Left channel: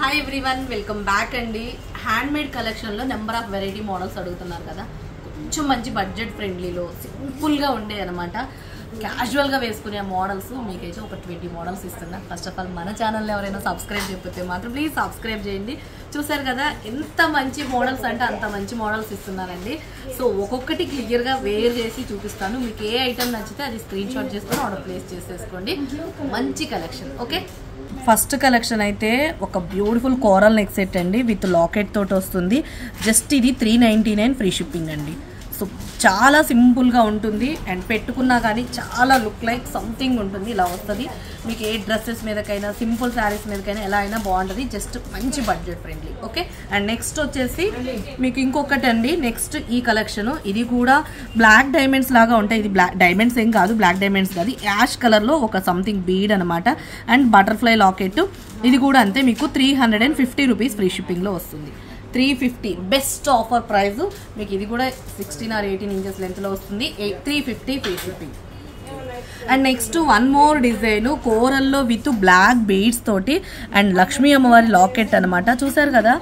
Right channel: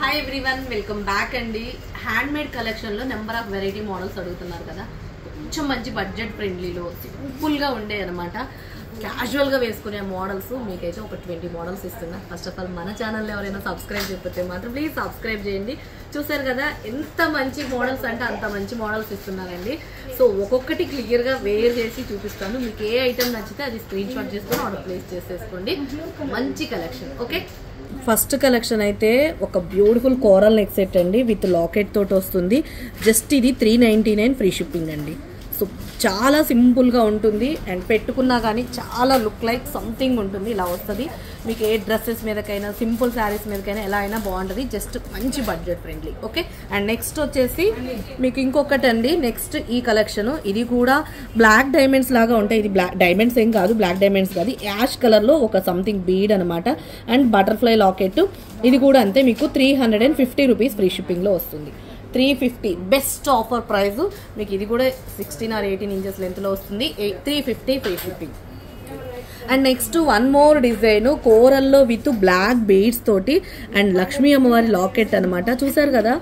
Hi everyone, welcome back అండి. Handmade కలెక్షన్లో number of variety models అడుగుతున్నారు కదా. కొంచెం మంచి బడ్జెట్ ఫ్రెండ్లీలో సింపుల్గా ఉండే అనమాట. క్యాజువల్గా వేసుకునే మోడల్స్ మీకైతే ఒక 20 మోడల్స్ ఇస్తున్నా. ఫస్ట్ ఆఫ్ ఆల్ మన ఛానల్ని ఎవరైనా సబ్స్క్రైబ్ చేయకపోతే మాత్రం ప్లీజ్ సబ్స్క్రైబ్ చేయండి. చూసారు కదా ఎంత మంచి మోడల్స్ అంటే అంత మంచి మోడల్స్ ఇస్తున్నానండి. సో ఒక్కొక్కటి క్లియర్గా వేర్ చేసి చూపిస్తాను. మీకు ఏ ఐటమ్ నచ్చితే అది స్క్రీన్ షాట్ చేసుకొని ఆర్డర్ ప్లేస్ చేసేసుకోండి. మంచి కలెక్షన్. ఓకే, ఫస్ట్ కలెక్షన్ అయితే ఒక బ్యూటిఫుల్ కోరల్ నెక్ సెట్ అండి విత్ లాకెట్ తోటి వస్తుంది. జస్ట్ ఇది 399 ఫ్రీ షిప్పింగ్ అండి. సో చాలా సింపుల్గా ఉంటుంది అండ్ పెట్టుకున్నా కానీ చాలా లుక్ లైక్ సంథింగ్ ఉంటుంది. ఇలా వస్తుంది మీకు ఏ డ్రెస్సెస్ మీదకైనా సింపుల్ శారీస్ మీదకైనా ఎలా అయినా బాగుంటుంది. జస్ట్ మంచి budget friendly. Okay, and next వచ్చేసి మీకు ఇంకొకటి అండి. నెక్స్ట్ ఈ కలెక్షన్ ఇది కూడా బ్లాక్ డైమండ్స్ లాగా ఉంటాయి. ఇది బ్లాక్ డైమండ్స్ ఏం కాదు, బ్లాక్ డైమండ్స్ కాదు, యాష్ కలర్లో ఒక సంథింగ్ బీడ్ అనమాట. అండ్ బటర్ఫ్లై లాకెట్ ఇది కూడా అంతే. మీకు 350 రూపీస్ ఫ్రీ షిప్పింగ్లో వస్తుంది. 350 బెస్ట్ ఆఫర్ ప్రైస్. మీకు ఇది కూడా 16 or 18 ఇంచెస్ లెంత్లో వస్తుంది. 350 free shipping. And next one more design కోరల్లో విత్ బ్లాక్ బీడ్స్ తోటి అండ్ లక్ష్మీ అమ్మవారి లాకెట్ అనమాట. చూసారు కదా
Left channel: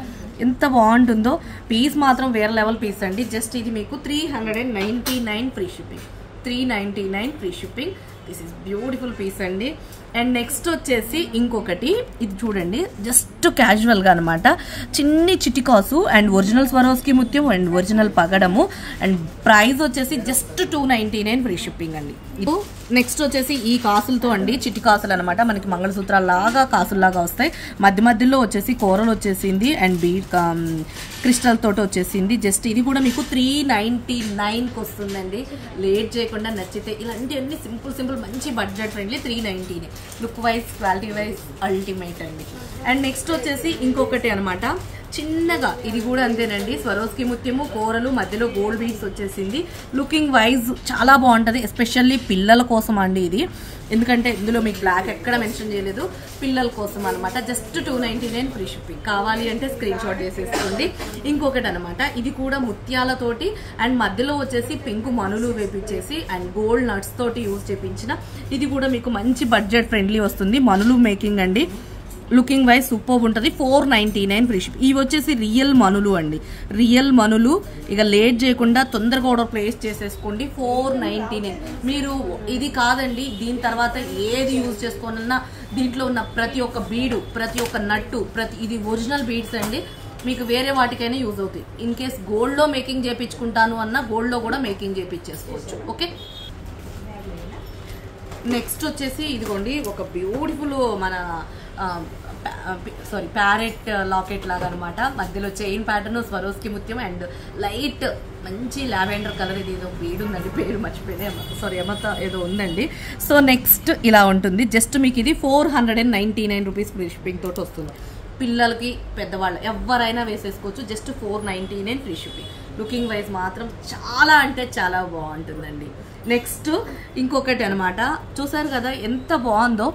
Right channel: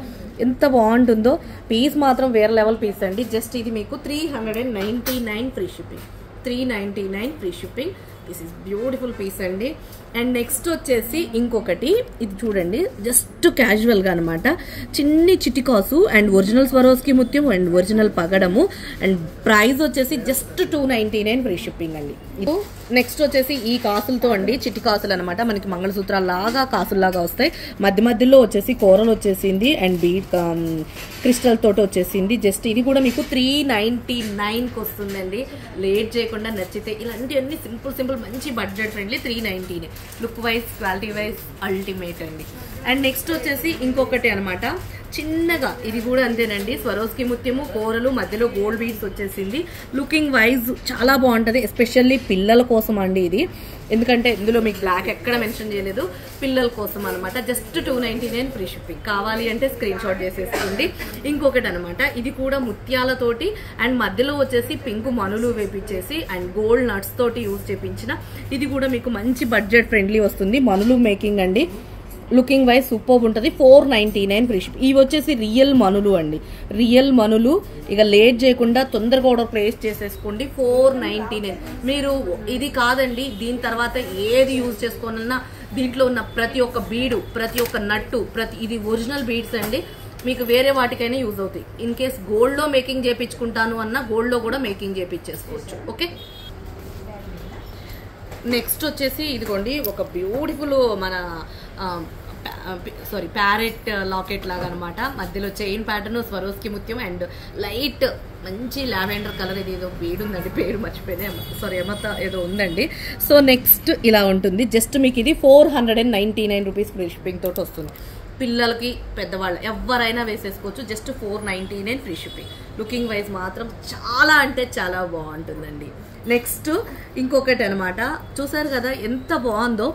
ఎంత బాగుంటుందో. పీస్ మాత్రం వేరే లెవెల్ పీస్ అండి. జస్ట్ ఇది మీకు 399 free shipping. 399 free shipping. This is beautiful piece అండి. అండ్ నెక్స్ట్ వచ్చేసి ఇంకొకటి ఇది చూడండి, జస్ట్ క్యాజువల్గా అనమాట. చిన్ని చిటికాసు అండ్ ఒరిజినల్ స్వరోస్కి ముత్యం అండ్ ఒరిజినల్ పగడము. అండ్ ప్రైస్ వచ్చేసి జస్ట్ 299 ఫ్రీ షిప్పింగ్ అండి. నెక్స్ట్ వచ్చేసి ఈ కాసులతో అండి, చిట్టి కాసులు అనమాట. మనకి మంగళసూత్రాల లాగా కాసుల్లాగా వస్తాయి. మధ్య మధ్యలో వచ్చేసి కూరలు వచ్చేసింది అండ్ బీట్ క్రిస్టల్ తోటి వచ్చేసింది. జస్ట్ ఇది కూడా మీకు 399కి వస్తుందండి. లేట్ చేయకుండా నచ్చితే ఇలాంటివన్నీ సింపుల్ మంచి budget friendly 390. Look wise quality wise ultimate అండి. అండ్ నెక్స్ట్ వచ్చేసి ఇంకొకటి అనమాట చిన్నగా, ఇది కూడా అంతేనండి. స్వరోస్కి ముత్యము కూరలు మధ్యలో గోల్డ్ బీడ్స్ వచ్చేసింది. లుకింగ్ వైజ్ చాలా బాగుంటుంది. ఎస్పెషల్లీ పిల్లల కోసం అండి ఇది. ఎందుకంటే ఇందులో మీకు బ్లాక్ ఎక్కడ మెన్షన్ చేయలేదు, పిల్లల కోసం అనమాట. Just 299 free shipping. కావాలి అంటే స్క్రీన్ షాట్ చేసేసుకోండి. ఇంకొకటి అనమాట, ఇది కూడా ముత్యాలతోటి అండ్ మధ్యలో వచ్చేసి పింక్ మనులు వేపించేసి అండ్ గోల్డ్ నట్స్ తోటి యూజ్ చేపించిన ఇది కూడా మీకు మంచి బడ్జెట్ ఫ్రెండ్లీ వస్తుంది. మనులు మేకింగ్ అండి. లుకింగ్ వైజ్ సూపర్ ఉంటుంది. 499 ఫ్రీ షిప్. ఇవి వచ్చేసి రియల్ మనులు అండి, రియల్ మనులు. ఇక లేట్ చేయకుండా తొందరగా ఆర్డర్ ప్లేస్ చేసేసుకోండి. 499. మీరు ఇది కాదండి, దీని తర్వాత ఏది యూజ్ చేసుకోవాలన్నా దీంట్లో ఉన్న ప్రతి ఒక్క బీడు, ప్రతి ఒక్క నట్టు, ఇది ఒరిజినల్ బీడ్స్ అండి. మీకు వేరే వాటికైనా యూజ్ అవుతాయి. ఇన్ కేస్ గోల్డ్లో మేకింగ్ చేయించుకుంటాను అన్న గోల్డ్లో కూడా మేకింగ్ చేయించేసుకోవచ్చు. ఓకే, నెక్స్ట్ వచ్చేసి ఇదిగోండి ఒక బ్యూటిఫుల్ మన ప్యారెట్ లాకెట్ లాగా అనమాట. మధ్యలో చైన్ ప్యాటర్న్ స్వరోస్కి ముత్యం అండ్ లైట్ మంచి లావెండర్ కలర్. ఇది ఏదో బీడ్ ఉందండి, పేరు మర్చిపోయింది, ఎమత ఏదో ఉందండి. సో నెక్స్ట్ ఇలా ఉంటుంది. జస్ట్ మీకు ఇది 499 రూపీస్ ఫ్రీ షిప్పింగ్ తోటి వస్తుంది. పిల్లలకి పెద్దవాళ్ళు ఎవరైనా వేసేసుకోవచ్చు. Just 499 free shipping. Looking wise మాత్రం చాలా అంటే చాలా బాగుంటుందండి. నెక్స్ట్ ఇంకొకటి అనమాట, చూసారు కదా ఎంత బాగుందో.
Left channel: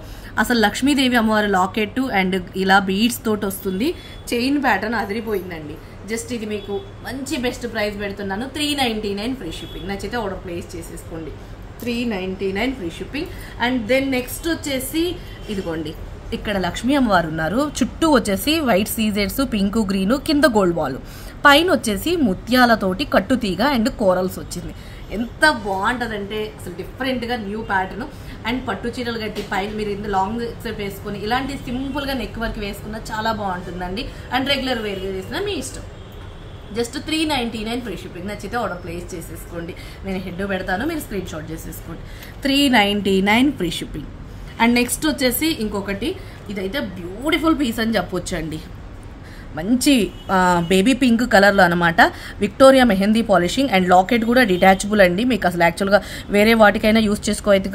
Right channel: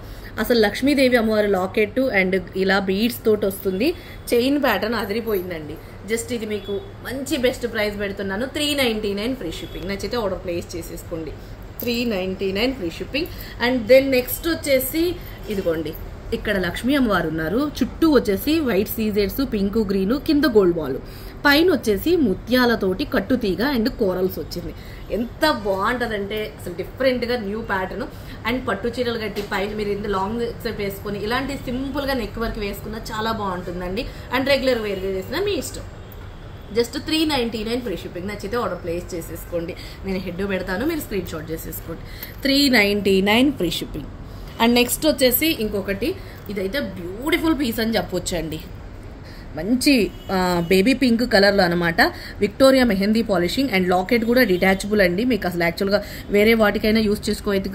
అసలు లక్ష్మీదేవి అమ్మవారి లాకెట్ అండ్ ఇలా బీడ్స్ తోటి వస్తుంది. Chain pattern అదిరిపోయిందండి. జస్ట్ ఇది మీకు మంచి బెస్ట్ ప్రైస్ పెడుతున్నాను. 399 ఫ్రీ షిప్పింగ్. నచ్చితే ఆర్డర్ ప్లేస్ చేసేసుకోండి. 399 free shipping. And then next వచ్చేసి ఇదిగోండి, ఇక్కడ లక్ష్మీ అమ్మవారు ఉన్నారు. చుట్టూ వచ్చేసి వైట్ సీజెడ్స్, పింక్ గ్రీన్, కింద గోల్డ్ బాల్, పైన వచ్చేసి ముత్యాలతోటి కట్టుతీగ అండ్ కోరల్స్ వచ్చింది. ఎంత బాగుంటుందంటే అసలు డిఫరెంట్గా న్యూ ప్యాటర్న్. అండ్ పట్టు చీరలు కట్టి పైన మీరు ఇంత లాంగ్ సెట్ వేసుకొని ఇలాంటి సింపుల్గా నెక్ వర్క్ వేసుకున్న చాలా బాగుంటుందండి. అండ్ రెగ్యులర్ వేర్గా వేసిన మీ ఇష్టం. Just 399 free shipping. నచ్చితే ఆర్డర్ ప్లేస్ చేసేసుకోండి. నేను హెడ్ పెడతాను, మీరు స్క్రీన్ షాట్ చేసేసుకోండి. 399 ఫ్రీ షిప్పింగ్. అండ్ నెక్స్ట్ వచ్చేసి ఇంకొకటి, ఇదైతే బ్యూటిఫుల్ పీస్ అని చెప్పొచ్చండి. మంచి బేబీ పింక్ కలర్లో అనమాట. Victoria mehndi polishing and locket కూడా డిటాచబుల్ అండి. మీకు అసలు యాక్చువల్గా వేరే వాటికైనా యూజ్ చేసుకోవచ్చు,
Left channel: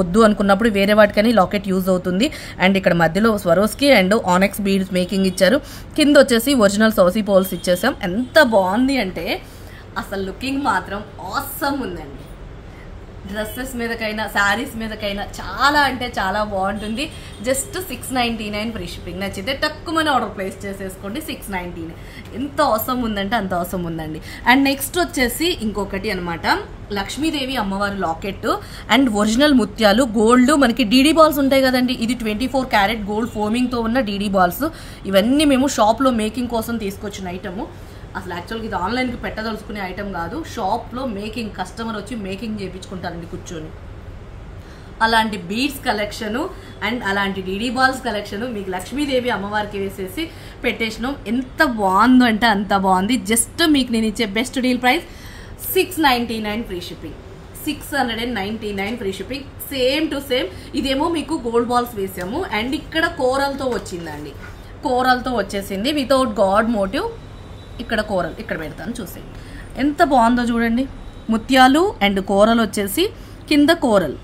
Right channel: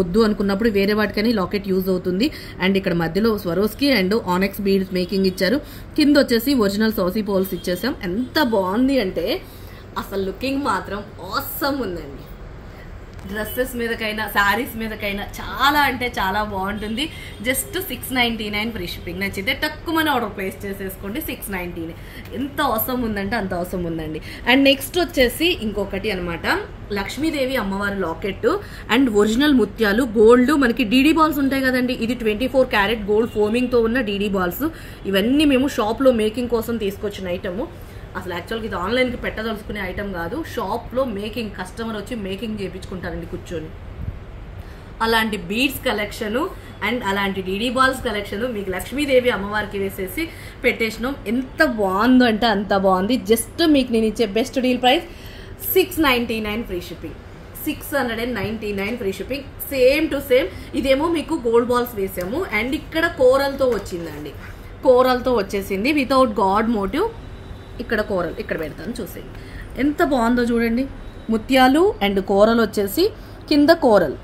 వద్దు అనుకున్నప్పుడు వేరే వాటికైనా లాకెట్ యూజ్ అవుతుంది. అండ్ ఇక్కడ మధ్యలో స్వరోస్కి అండ్ ఆనెక్స్ బీడ్స్ మేకింగ్ ఇచ్చారు. కింద వచ్చేసి ఒరిజినల్ సౌసీ పోల్స్ ఇచ్చేసాం. ఎంత బాగుంది అంటే అసలు లుకింగ్ మాత్రం ఆసమ్ ఉందండి. డ్రెస్సెస్ మీదకైనా శారీస్ మీదకైనా చాలా అంటే చాలా బాగుంటుంది. Just 699 free shipping. నచ్చితే తక్కువని ఆర్డర్ ప్లేస్ చేసేసుకోండి. 699 ఎంత అవసరం ఉందంటే అంత అవసరం ఉందండి. అండ్ నెక్స్ట్ వచ్చేసి ఇంకొకటి అనమాట, లక్ష్మీదేవి అమ్మవారి లాకెట్ అండ్ ఒరిజినల్ ముత్యాలు గోల్డ్. మనకి డీడీ బాల్స్ ఉంటాయి కదండి, ఇది 24 క్యారెట్ గోల్డ్ ఫోమింగ్ తో ఉన్న డీడీ బాల్స్. ఇవన్నీ మేము షాప్ లో మేకింగ్ కోసం తీసుకొచ్చిన ఐటమ్. అసలు యాక్చువల్గా ఇది ఆన్లైన్కి పెట్టదలుచుకునే ఐటమ్ కాదు, షాప్లో మేకింగ్, కస్టమర్ వచ్చి మేకింగ్ చేయించుకుంటారండి కూర్చొని. అలాంటి బీడ్స్ కలెక్షను అండ్ అలాంటి డీడీ బాల్స్ కలెక్షను మీకు లక్ష్మీదేవి అమ్మవారికి వేసేసి పెట్టేసినాం. ఎంత బాగుందో అంటే అంత బాగుంది. జస్ట్ మీకు నేను ఇచ్చే best deal price 699 free shipping. 699 free shipping. Same to same. ఇదేమో మీకు గోల్డ్ బాల్స్ వేసాము అండ్ ఇక్కడ కోరల్తో వచ్చిందండి, కోరల్తో వచ్చేసింది వితౌట్ గాడ్ మోటివ్. ఇక్కడ కోరల్ ఇక్కడ పెడతాను చూసేయండి ఎంత బాగుందో చూడండి. ముత్యాలు అండ్ కోరల్ వచ్చేసి కింద కోరల్.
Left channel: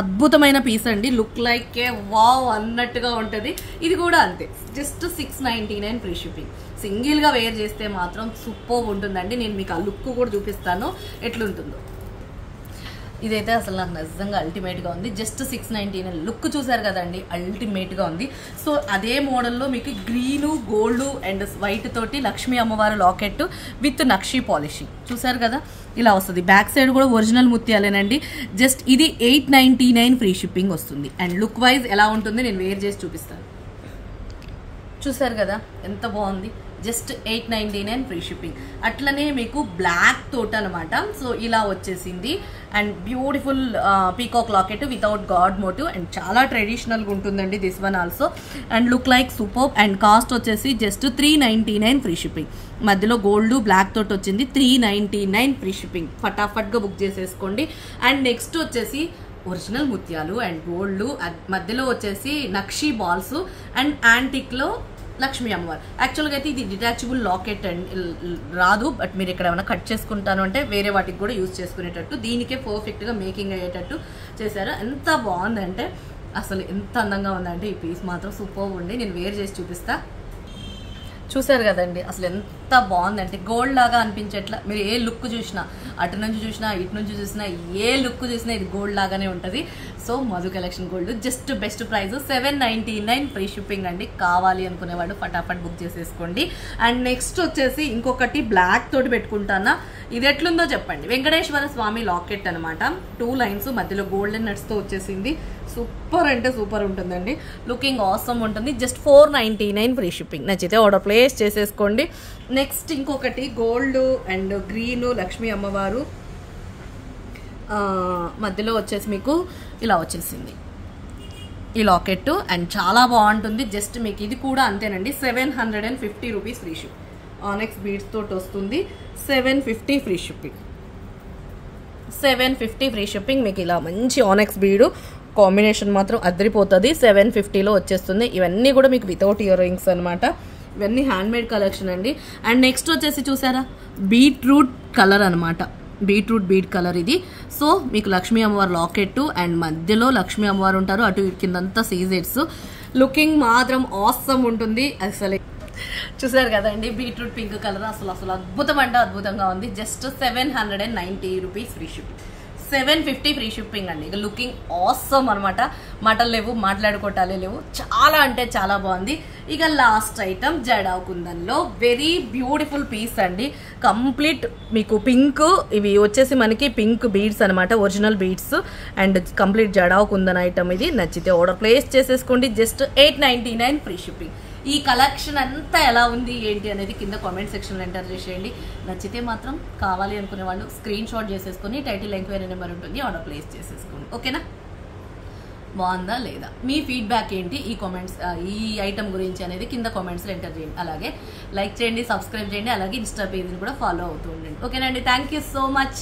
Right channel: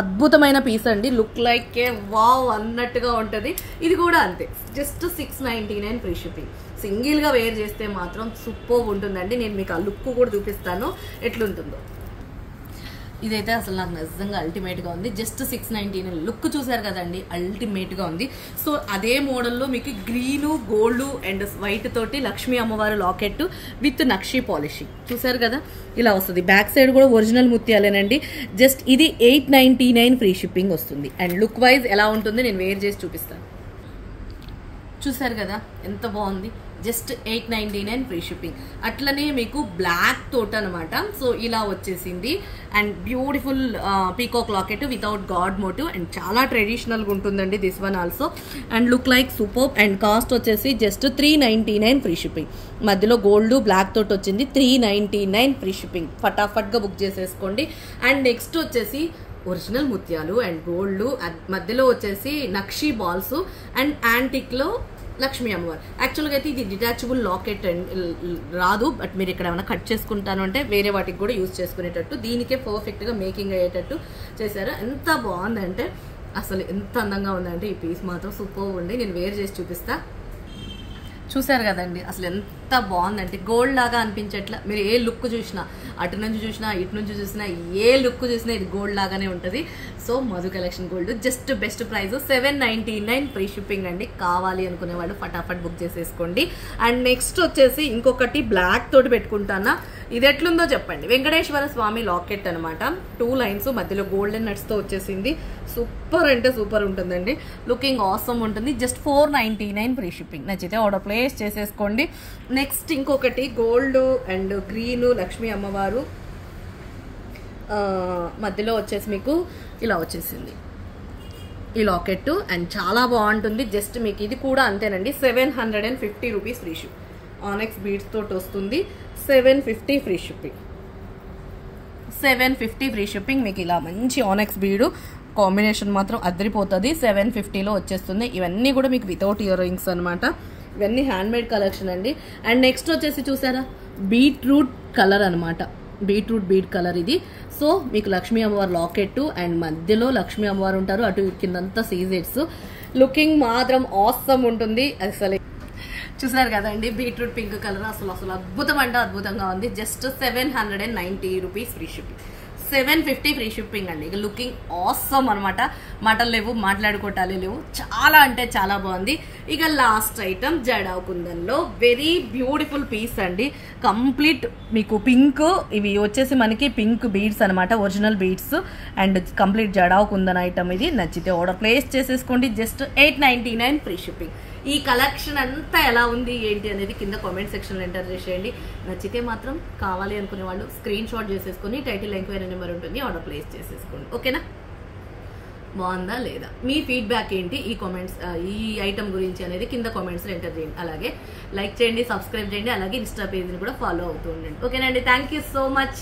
అద్భుతమైన పీస్ అండి. లుక్ లైక్ ఏ వావ్ అన్నట్టుగా ఉంటుంది. ఇది కూడా అంతే, జస్ట్ 699 ఫ్రీ షిప్పింగ్. సింగిల్ గా వేర్ చేస్తే మాత్రం సూపర్ ఉంటుందండి. నేను మీకు ఆ లుక్ కూడా చూపిస్తాను ఎట్లుంటుందో. ఇదైతే అసలు నాకు నిజంగా అల్టిమేట్ గా ఉంది. జస్ట్ 699. లుక్ చూసారు కదండి, అల్టిమేట్ గా ఉంది. సో అదే మోడల్లో మీకు గ్రీన్ గోల్డ్ అండ్ వైట్ తోటి లక్ష్మీ అమ్మవారి లాకెట్ విత్ నక్షి పాలిషింగ్ చూసారు కదా, ఇలా వస్తుంది. బ్యాక్ సైడ్ కూడా ఒరిజినల్ ముత్యాలేనండి. జస్ట్ ఇది 899 ఫ్రీ షిప్పింగ్ వస్తుంది. అండ్ లుక్ వైజ్ ఎలా ఉంటుంది నేను వేర్ చేసి చూపిస్తాను. చూసారు కదా ఎంత బాగుంది. Just 899 free shipping. అట్లనే మీకు బ్లాక్ తోట అనమాట. సో ఇలా వచ్చేసింది and beautiful peacock locket without god motive and చాలా ట్రెడిషనల్ గా ఉంటుందండి this one also. And look like super. And cost వచ్చేసి జస్ట్ 399 ఫ్రీ షిప్పింగ్. మధ్యలో గోల్డ్ బ్లాక్ తోటి వచ్చింది. 399 ఫ్రీ షిప్పింగ్. ఫటాఫట్ గా బుక్ చేసేసుకోండి. అండ్ నెక్స్ట్ వచ్చేసి ఒరిజినల్ ముత్యాలు అండ్ గోల్డ్, మధ్యలో వచ్చేసి నక్షి బాల్స్ అండ్ యాంటిక్ లో లక్ష్మీ అమ్మవారు. యాక్చువల్గా అయితే ఇది డిటాచబుల్ లాకెట్ అండ్ రాదు, బట్ మీరు ఇక్కడ ఏమైనా కట్ చేసుకుంటాను అంటే వేరే వాటికి కూడా యూజ్ చేసుకునేటట్టు దీనికే పర్ఫెక్ట్ గా మేకింగ్ అయ్యేటట్టు చేశారు. ఎంత బాగుందంటే అసలు ఎంత అందంగా ఉందంటే ఈ పీస్ మాత్రం సూపర్ ఉంది. నేను వేర్ చేసి చూపిస్తా. చూసారు కదండి అసలు ఎంత బాగుందంటే గోల్డ్ లాగా అనిపించట్లా. మీరు ఏ లుక్ చూసినా, అటు నుంచి చూసినా ఇటు నుంచి చూసినా, ఏ లుక్ చూసినా ఇది గోల్డ్ లాగానే ఉంటుంది. So Madhu collection gold just best price 799 free shipping అండి. కావాలి అనుకునే వాళ్ళు ఫటాఫట్ బుక్ చేసేసుకోండి. అండ్ నెక్స్ట్ వచ్చేసి ఇంకొకటి బ్లాక్ తోటి పెట్టుకుంటానా, ఇది ఎట్లుందో చెప్పండి. వెంకటేశ్వర స్వామి లాకెట్ అనమాట. 2 లైన్స్ మధ్యలో గోల్డెన్ నట్స్ తో వచ్చేసింది. సూపర్ అంటే సూపర్ ఉంటుందండి. లుకింగ్ ఆసమ్ ఉంటుంది. Just 499 free shipping. నచ్చితే ఆర్డర్ ప్లేస్ చేసేసుకోండి. నెక్స్ట్ ఇంకొకటి గోల్డ్ అండ్ గ్రీన్ లక్ష్మీ అమ్మవారు మధ్యలో వచ్చేసి మీకు ఇలా వచ్చేసింది ఈ లాకెట్ అండ్ చాలా బాగుంటుంది. జస్ట్ మీకు ఇది కూడా అంతేనండి. 750 రూపీస్ ఫ్రీ షిప్. ఆనెక్స్ బీడ్స్ తోటి వస్తుంది. 750 ఫ్రీ షిప్పింగ్. 750 free shipping. మీకు ఇలా మంచి ఆనెక్స్ బీడు కాంబినేషన్ మాత్రం అదిరిపోతుంది. 750లో వచ్చేస్తుంది. ఇవన్నీ కూడా మీకు వితౌట్ ఇయర్ రింగ్స్ అనమాట. ఇవన్నీ హ్యాండ్ మేడ్ కలెక్షన్ అండి. అండ్ నెక్స్ట్ వచ్చేసి చూసారా బీట్రూట్ కలర్ అనమాట. బీట్రూట్ బీడ్ కలర్ ఇది. సో మీకు లక్ష్మీ అమ్మవారు లాకెట్ అండ్ మధ్యలో లక్ష్మీ అమ్మవారు ఉంటారు. అటు కిందంతా సీజెట్స్. లుకింగ్ మాత్రం ఆసమ్ ఉంటుంది. అసలు చూసారు కదండి బీట్రూట్ పింక్ కలర్ అసలు అద్భుతం అంటే అద్భుతంగా ఉంది. Just 790 rupees free shipping. 750 free shipping అండి. ఇక లుకింగ్ ఆసమ్ అనమాట. మాటలు లేవు, మాట్లాడుకోవటాలే లేవు. చాలా అంటే చాలా బాగుంది. ఇక లాస్ట్ ఐటమ్ జడావ్ కుందన్లో వెరీ బ్యూటిఫుల్ పీస్ అండి. కంప్లీట్ మీకు పింక్, ఇవి వచ్చేసి మనకి పింక్ బీడ్స్ అనమాట, original beads and complete jadau kundan item ఇది. నచ్చితే ఆర్డర్ ప్లేస్ చేసేసుకోండి. Just 899 free shipping. ఈ కలెక్షన్ అంతా ఎలా ఉంది ఏంటి అనేది కింద కామెంట్ సెక్షన్లో ఎంటర్ చేసేయండి. నచ్చితే మాత్రం కావాలి అనుకునే వాళ్ళు స్క్రీన్ షాట్ చేసేసుకుని టైటిల్ ఎంక్వైరీ నెంబర్ ఉంటుంది, ఆర్డర్ ప్లేస్ చేసేసుకోండి. ఓకేనా, బాగుందా లేదా, మీ ఫీడ్బ్యాక్ ఏంటి ఈ కామెంట్స్ ఈ ఐటమ్ గురించి అనేది కింద కామెంట్స్లో ఎంటర్ చేయండి. అలాగే లైక్ చేయండి, సబ్స్క్రైబ్ చేయండి, అలాగే ఇన్స్టా పేజ్ని కూడా ఫాలో అవుతూ ఉండండి. ఓకేనండి, థ్యాంక్ యూ సో మచ్.